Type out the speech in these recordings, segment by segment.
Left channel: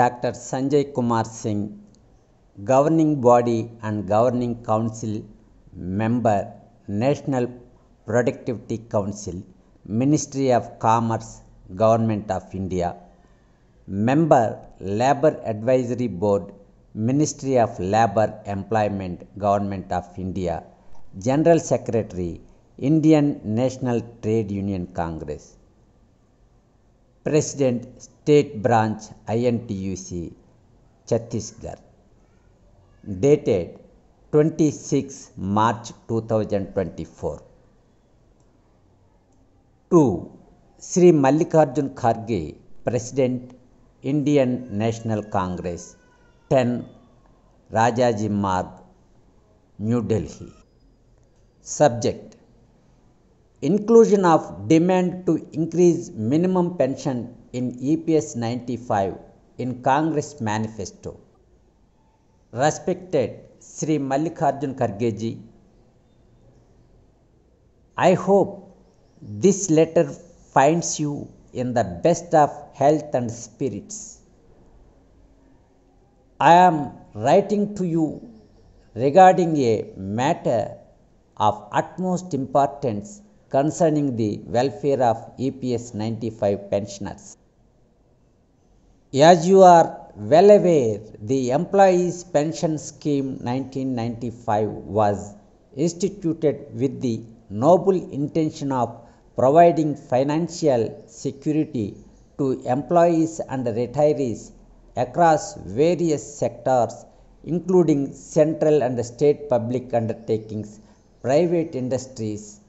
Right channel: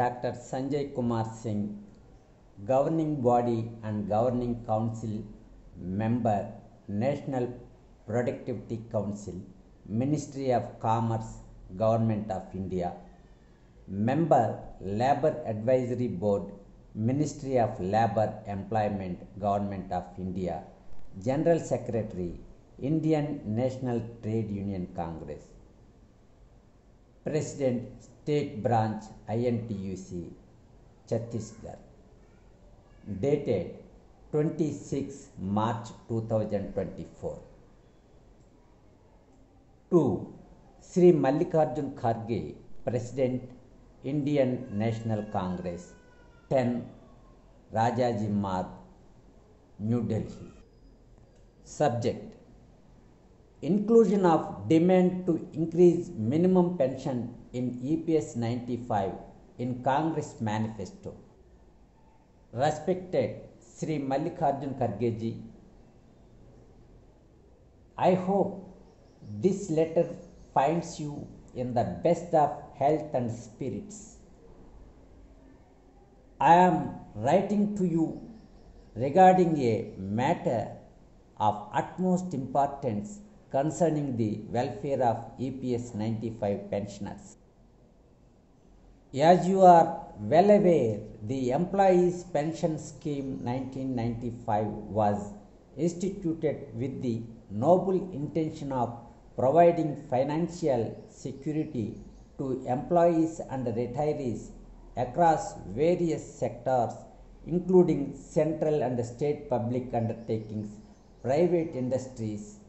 Dr. Sanjay Kumar Singh, Governing Body and Governing Council Member, National Productivity Council, Ministry of Commerce, Government of India. Member, Labour Advisory Board, Ministry of Labour Employment, Government of India. General Secretary, Indian National Trade Union Congress. President, State Branch, INTUC, Chhattisgarh. Dated 26 March 2024. 2. Sri Mallikarjun Kharge, President, Indian National Congress, 10 Rajaji Marg, New Delhi. Subject: Inclusion of demand to increase minimum pension in EPS 95 in Congress Manifesto. Respected Sri Mallikarjun Kharge ji, I hope this letter finds you in the best of health and spirits. I am writing to you regarding a matter of utmost importance concerning the welfare of EPS 95 pensioners. As you are well aware, the Employees Pension Scheme 1995 was instituted with the noble intention of providing financial security to employees and retirees across various sectors, including central and state public undertakings, private industries,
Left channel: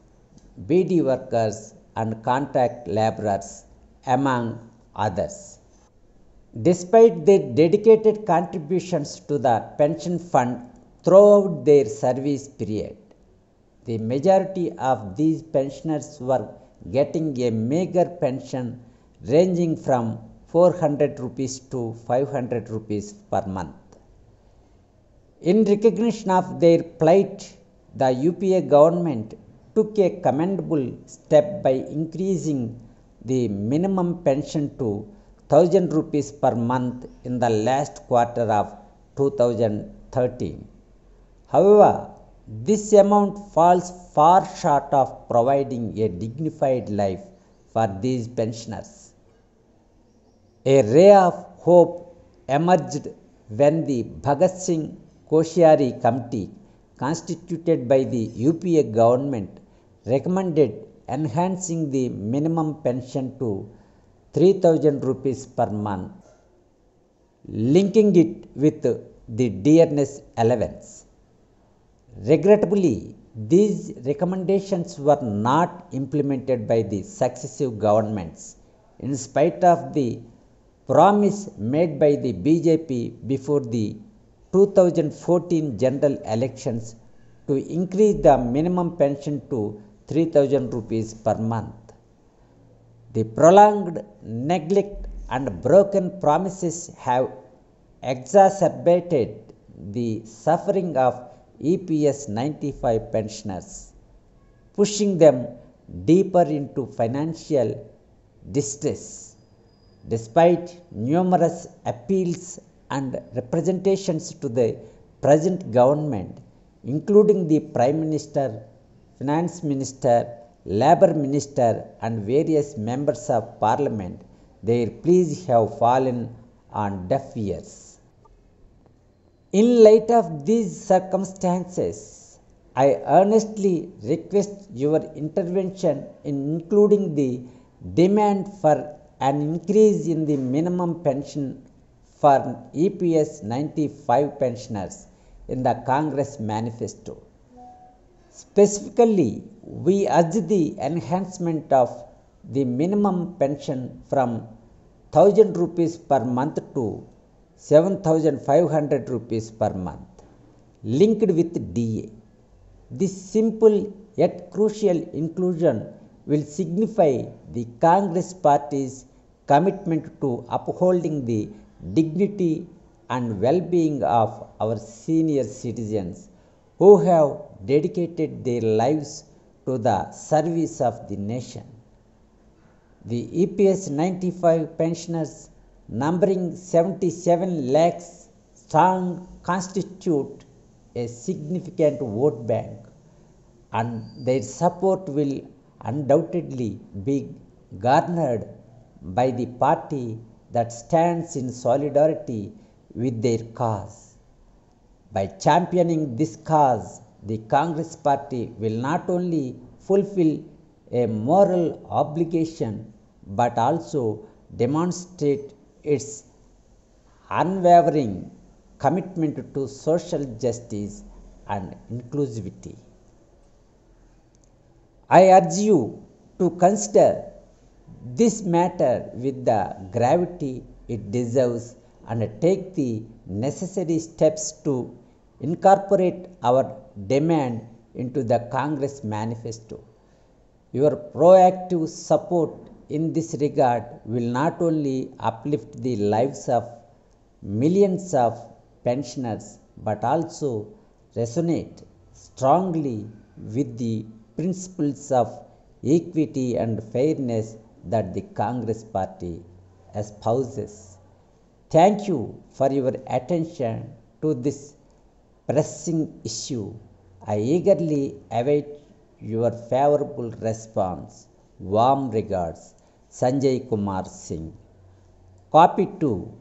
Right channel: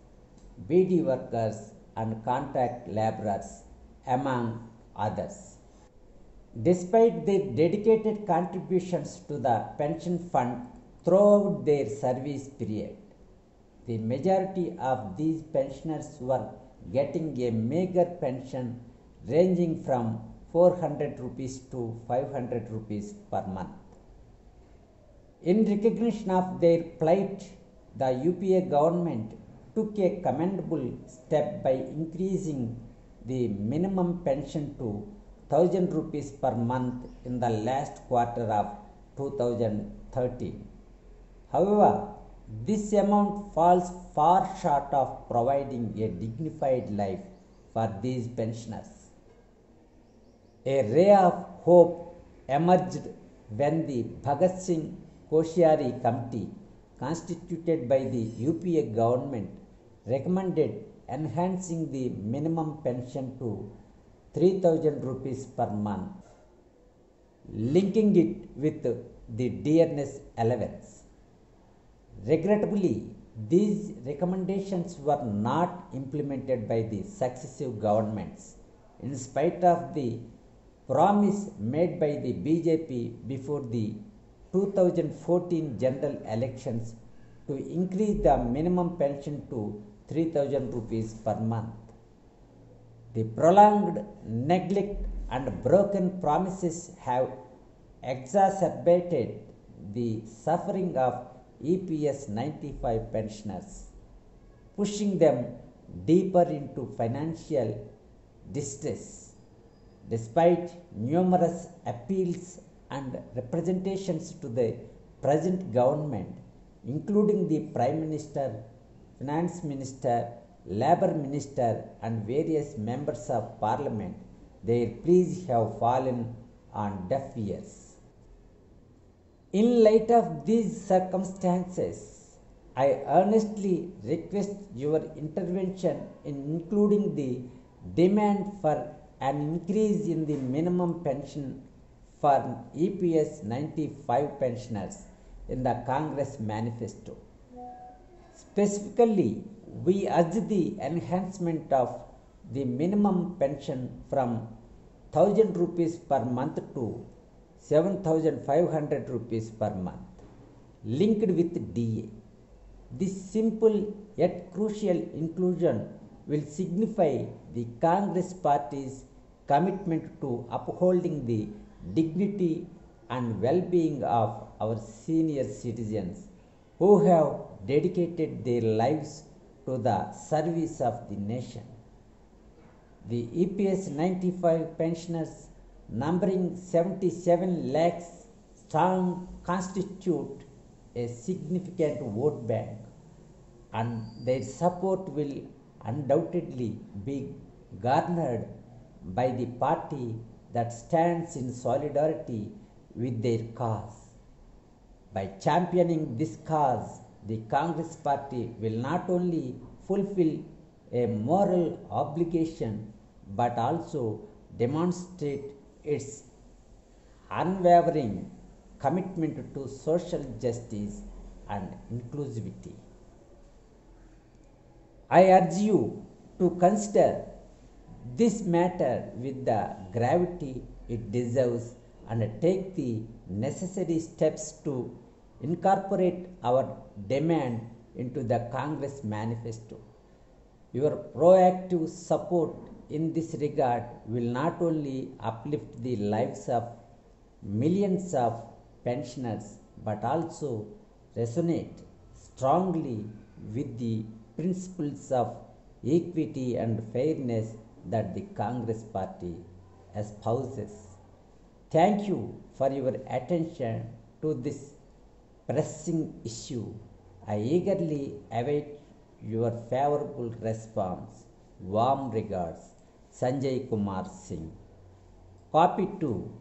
BD workers and contract laborers, among others. Despite their dedicated contributions to the pension fund throughout their service period, the majority of these pensioners were getting a meager pension ranging from 400 rupees to 500 rupees per month. In recognition of their plight, the UPA government took a commendable step by increasing the minimum pension to 1000 rupees per month in the last quarter of 2013. However, this amount falls far short of providing a dignified life for these pensioners. A ray of hope emerged when the Bhagat Singh Koshyari Committee, constituted by the UPA government, recommended enhancing the minimum pension to 3000 rupees per month, linking it with the dearness allowance. Regrettably, these recommendations were not implemented by the successive governments, in spite of the promise made by the BJP before the 2014 general elections to increase the minimum pension to 3000 rupees per month. The prolonged neglect and broken promises have exacerbated the suffering of EPS 95 pensioners, pushing them deeper into financial distress. Despite numerous appeals and representations to the present government, including the Prime Minister, Finance Minister, Labour Minister and various members of Parliament, their pleas have fallen on deaf ears. In light of these circumstances, I earnestly request your intervention in including the demand for an increase in the minimum pension for EPS 95 pensioners in the Congress Manifesto. Specifically, we urge the enhancement of the minimum pension from 1000 rupees per month to 7500 rupees per month, linked with DA. This simple yet crucial inclusion will signify the Congress Party's commitment to upholding the dignity and well-being of our senior citizens who have dedicated their lives to the service of the nation. The EPS 95 pensioners numbering 77 lakhs strong, constitute a significant vote bank, and their support will undoubtedly be garnered by the party that stands in solidarity with their cause. By championing this cause, the Congress Party will not only fulfill a moral obligation but also demonstrate its unwavering commitment to social justice and inclusivity. I urge you to consider this matter with the gravity it deserves and take the necessary steps to incorporate our demand into the Congress manifesto. Your proactive support in this regard will not only uplift the lives of millions of pensioners but also resonate strongly with the principles of equity and fairness that the Congress Party espouses. Thank you for your attention to this pressing issue. I eagerly await your favorable response. Warm regards, Sanjay Kumar Singh. Copy 2.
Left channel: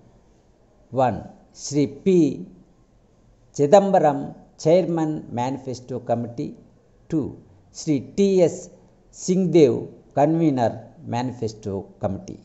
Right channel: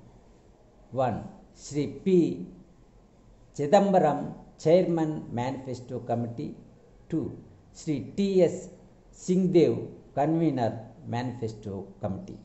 1. Shri P. Chidambaram, Chairman, Manifesto Committee. 2. Shri T. S. Singhdev, Convener, Manifesto Committee.